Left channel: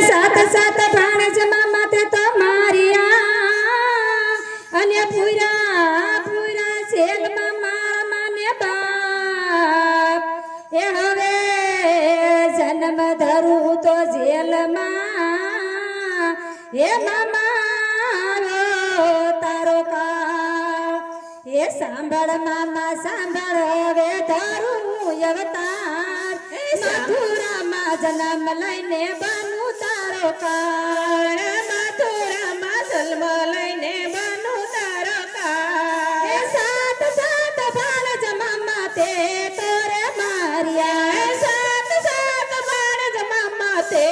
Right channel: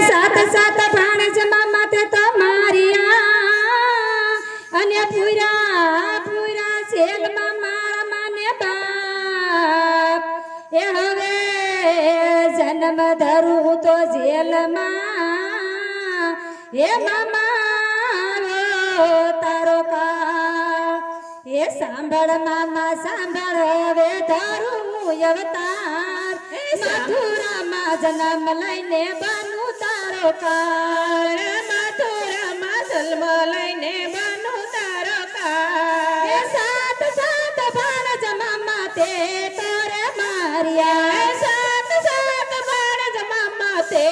સાત સાત ભાણેજ મામા તે તો મારિયા અને પૂરા પૂરા શેલ મામા માને બાપ એ હવે જન્મ ધરું તો જેલમાં એ મામા તારો કા એ સાંભળ મામા સાંભળ હવે ધરું અવતાર મથુરામાં જન્મ લઈને બનું તારો કાળ મથુરામાં જન્મ લઈને બનું તારો કાળ એ સાત સાત ભાણેજ મામા તે તોરે માર્યા સાત સાત ભાણેજ મામા તે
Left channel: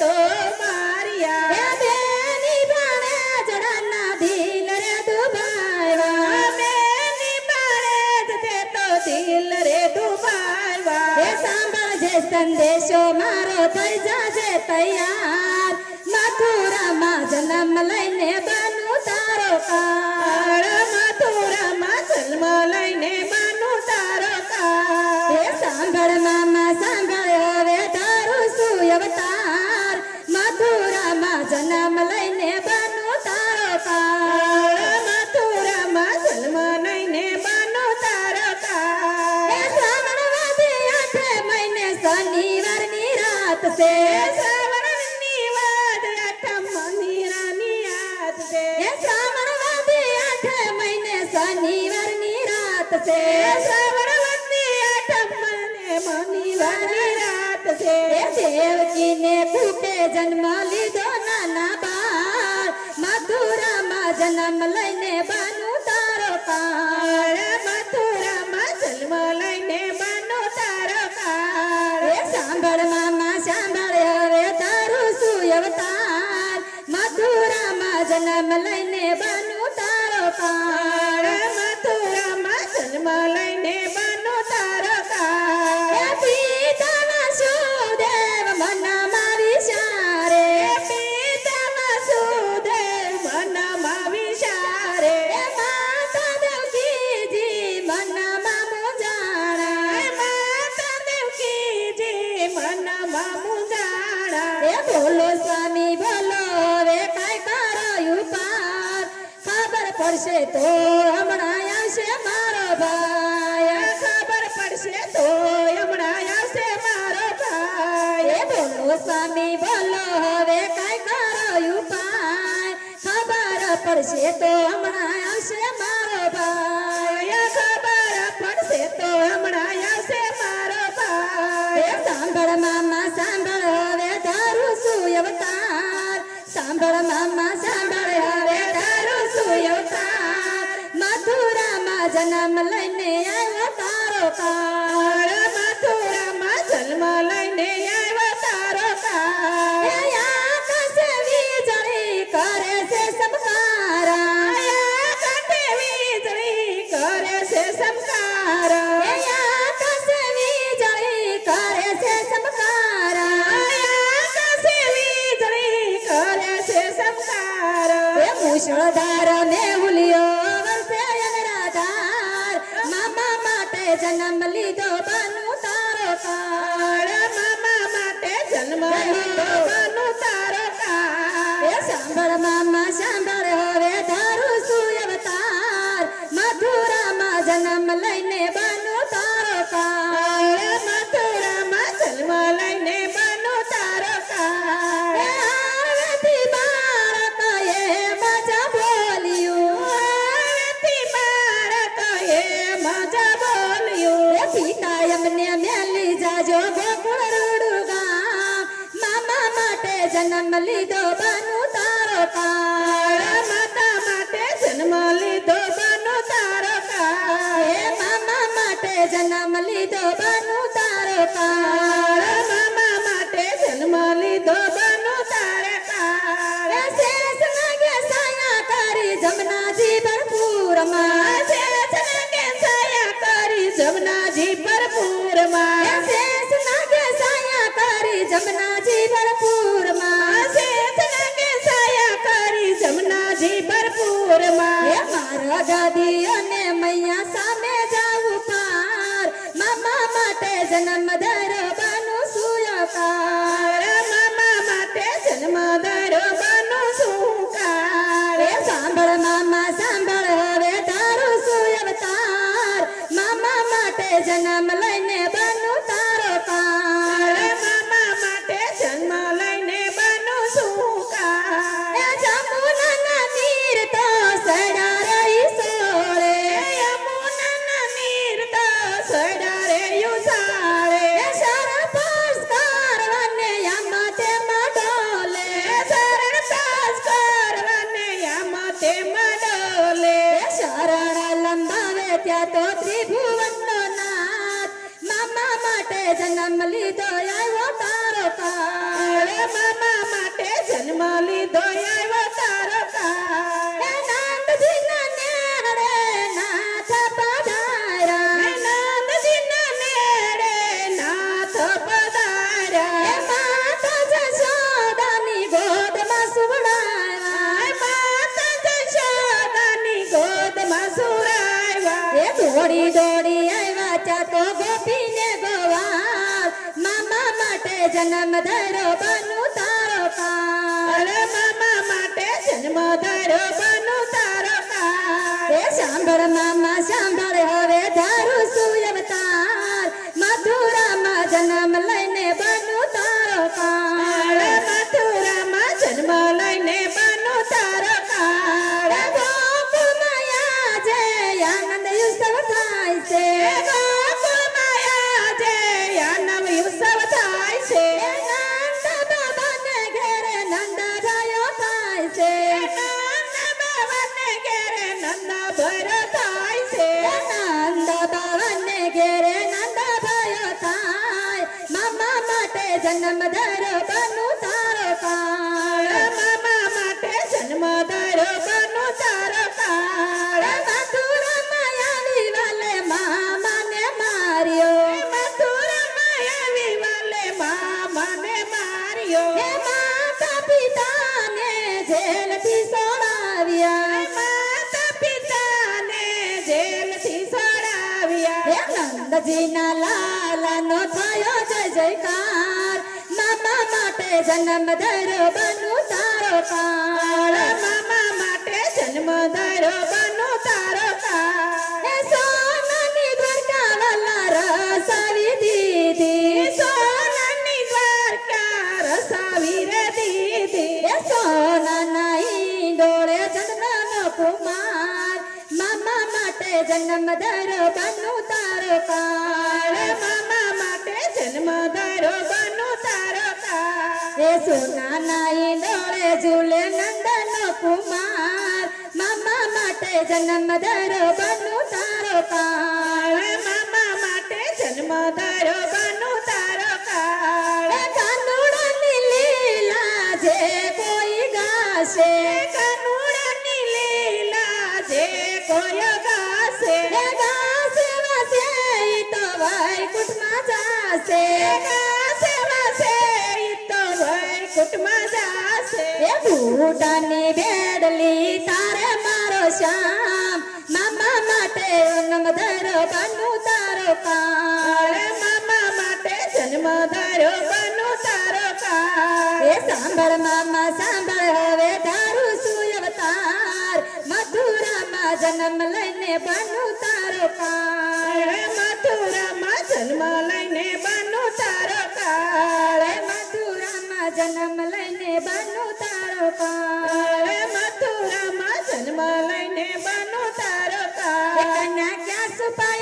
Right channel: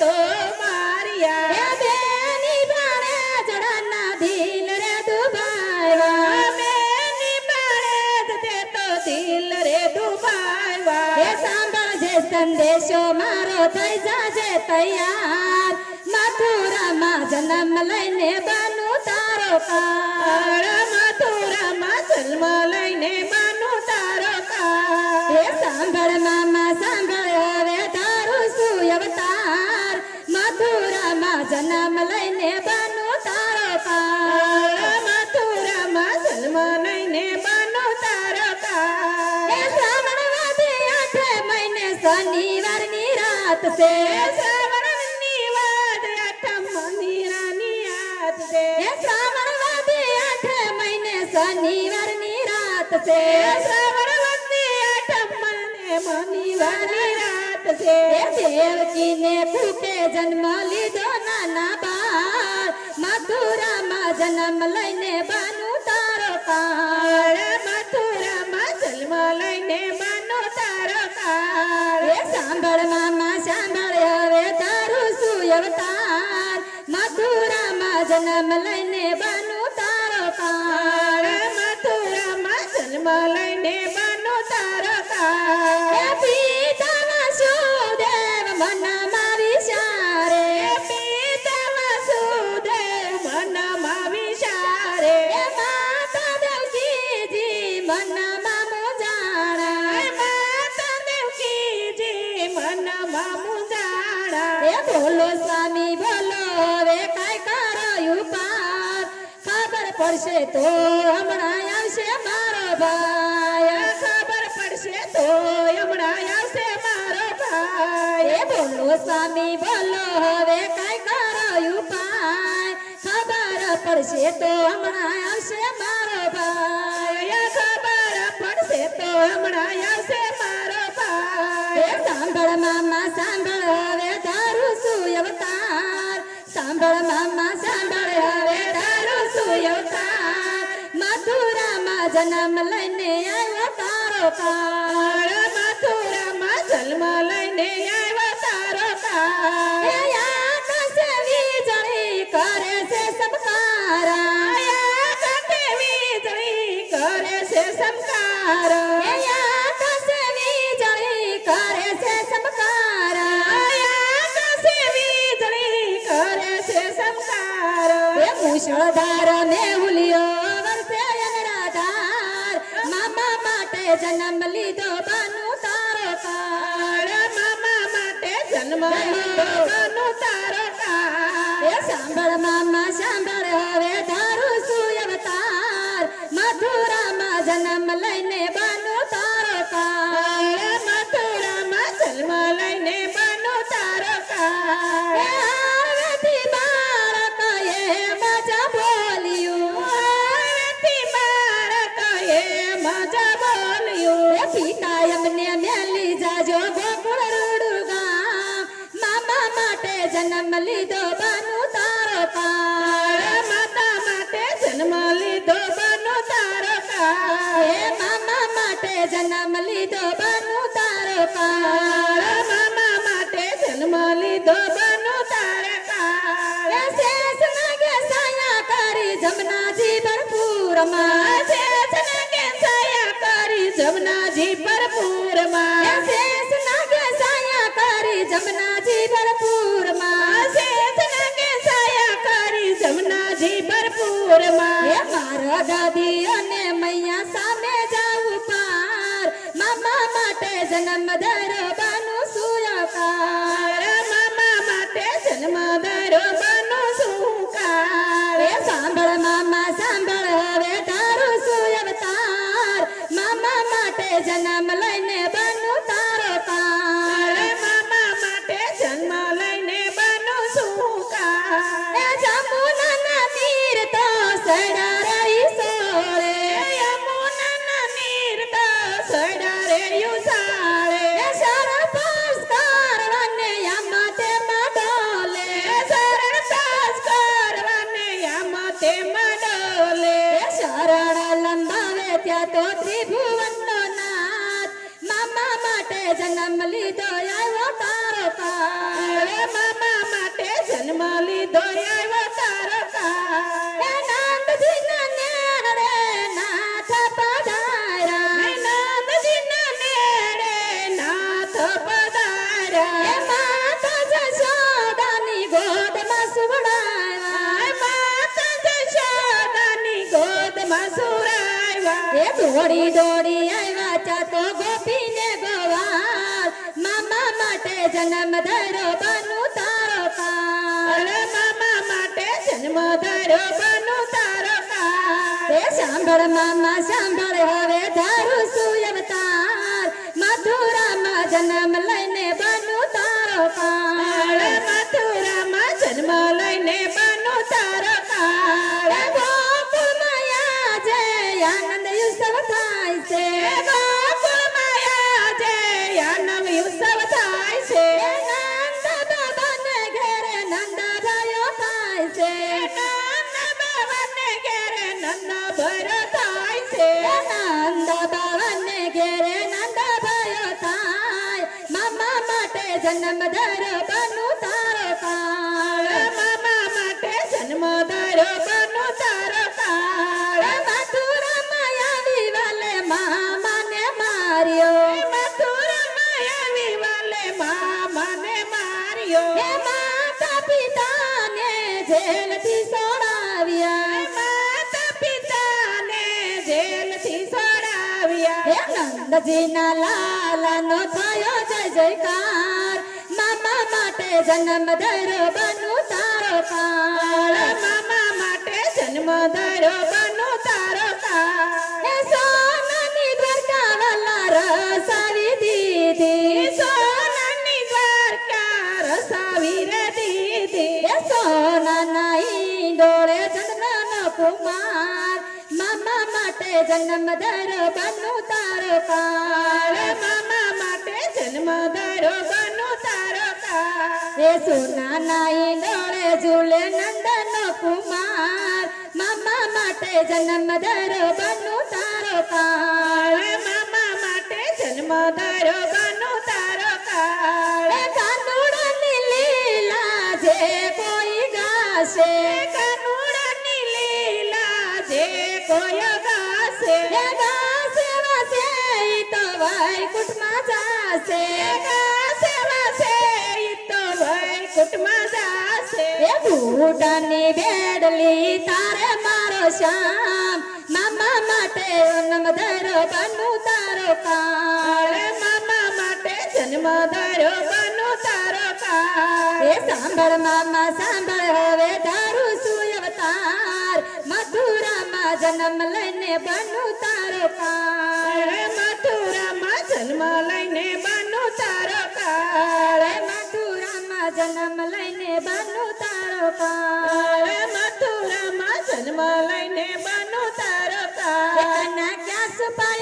તો માર્યા એ બેની ભાણેજ ના દિલ રે દુભાવ્યા બેની ભાણેજ તે તો દિલ રે દુભાવ્યા એ સાંભળજે સંદેશો મારો થઈ જાજે તૈયાર મથુરામાં જન્મ લઈને બનું તારો કાળ મથુરામાં જન્મ લઈને બનું તારો કાળ એ સાંભળ મામા સાંભળ હવે તારું શું અવતાર મથુરામાં જન્મ લઈને બનું તારો કાળ મથુરામાં જન્મ લઈને બનું તારો કાળ એ શ્રાવણ વધે 8 મહિને શનિવારની રાત છે શ્રાવણની વાદ 8 મહિનાની રાત છે એ શ્રાવણ વધે 8 મહિને શનિવારની રાત છે શ્રાવણ વધે 8 મહિનાની રાત છે દેવકીને કુટે જન્મ લીધો નાના બાળ મથુરામાં જન્મ લઈને બનું તારો કાળ મથુરામાં જન્મ લઈને બનું તારો કાળ એ સાંભળ મામા સાંભળ હવે તારું શું અવતાર મથુરામાં જન્મ લઈને બનું તારો કાળ મથુરામાં જન્મ લઈને બનું તારો કાળ એ પિતા વાસુદેવ મનમાં વિચારે પિતા વાસુદેવ મનમાં વિચારે એ માતા દેવકીજી મનમાં મુંજાણા એ માતા દેવકીજી મનમાં મુંજાણા એ બોલો સ્વામી બોલો હવે કાંઈ કરાયું પાર ખબર પડશે તો હમણાં આવશે મારો ભાઈ ખબર પડશે તો હમણાં આવશે મારો ભાઈ એ બોલો સ્વામી બોલો હવે કાંઈ કરાયું પાર ખબર પડશે તો હમણાં આવશે મારો ભાઈ ખબર પડશે તો હમણાં આવશે મારો ભાઈ એ સાંભળ મામા સાંભળ હવે તારું શું અવતાર સાંભળ મામા સાંભળ હવે તારું શું અવતાર મથુરામાં જન્મ લઈને આવ્યો તારો કાળ મથુરામાં જન્મ લઈને આવ્યો તારો કાળ એ આકાશે વીજળી કરે છે સમકારા આકાશે વીજળી કરે છે સમકારા એ આકાશે વીજળી કરે છે સમકારા આકાશે વીજળી કરે છે સમકારા એ મુશળધાર ને હુલિયો વરસે અનરાધાર મામા માટે જન્મ લીધો બનું તારો કાળ મામા માટે જન્મ લીધો બનું તારો કાળ એ સાંભળ મામા સાંભળ હવે તારું શું અવતાર મથુરામાં જન્મ લઈને બનું તારો કાળ મથુરામાં જન્મ લઈને બનું તારો કાળ એ આવેથી બાળક એ મજા બોલ્યું આવેથી બાળક એ મજા બોલ્યું એ પિતા એમને મેલી જાજો ગોકુળ રૂડું ગામ મામા માટે જન્મ લીધો બનું તારો કાળ માતા માટે જન્મ લીધો બનું તારો કાળ એ મામા માટે જન્મ લીધો બનું તારો કાળ મામા માટે જન્મ લીધો બનું તારો કાળ એ શેષ નાગે સાયા કરી જમનાજી ભરપૂરમાં શેષ નાગે સાયા કરી જમનાજી ભરપૂરમાં એ શેષ નાગે સાયા કરી જમનાજી ભરપૂરમાં શેષ નાગે સાયા કરી દોડી દોડી આવ્યા ચાતો ગોપીને ગોવાળ મામા માટે જન્મ ધર્યો બનુ તારો કાળ મામા માટે જન્મ ધર્યો બનુ તારો કાળ એ સાંભળ મામા સાંભળ હવે ધારું છું અવતાર મથુરામાં જન્મ લઈને બનુ તારો કાળ મથુરામાં જન્મ લઈને બનુ તારો કાળ ગોકુળમાં આજે આનંદ ઉત્સવ થાય છે ગોકુળમાં આજે આનંદ ઉત્સવ થાય છે નંદ બાબાને ઘેરે નંદ ભયો થાય છે નંદ બાબાને ઘેરે નંદ ભયો થાય છે નંદ બાબાને ઘેરે નંદ ભયો થાય મામા માટે જન્મ ધર્યો બનુ તારો કાળ મામા માટે જન્મ ધર્યો બનુ તારો કાળ મથુરામાં આવી વાલે મામાને માર્યો મથુરામાં આવી વાલે મામાને માર્યો માતા પિતાને જેલથી છોડાવ્યા માતા પિતાને જેલથી છોડાવ્યા નંદજીના લાલાનો થયો જય જયકાર મામા માટે જન્મ ધર્યો બનુ તારો કાળ મામા માટે જન્મ ધર્યો બનુ તારો કાળ એ સોનાની દ્વારકા વાલા રસાવી દીધી સોનાની દ્વારકા રસાવી રે દીધી એ સોનાના ઈંડોળે જન્મનો કુમાર મામા માટે જન્મ ધર્યો બનુ તારો કાળ મામા માટે જન્મ ધર્યો બનુ તારો કાળ એ સોનાના ઈંડોળે ઝૂલે નંદનો કુમાર મામા માટે જન્મ ધર્યો બનુ તારો કાળ મામા માટે જન્મ ધર્યો બનુ તારો કાળ કાનુડાની લીલા જે કોઈ ગાશે કાનુડાની લીલા જે કોઈ ગાશે ગાશે વાસે ઈ તો વૈકુંઠમાં જાશે ગાશે વાસે ઈ તો વૈકુંઠમાં જાશે એ બુટાની બેડલી તારે મારો શ્યામ મામા માટે જન્મ ધર્યો બનુ તારો કાળ મામા માટે જન્મ ધર્યો બનુ તારો કાળ એ સાંભળ મામા સાંભળ હવે ધારું છું અવતાર મથુરામાં જન્મ લઈને બનુ તારો કાળ મથુરામાં જન્મ લઈને બનુ તારો કાળ મથુરામાં જન્મ લઈને બનુ તારો કાળ મથુરામાં જન્મ લઈને બનુ તારો કાળ કન્યા ક્યાં છુપાય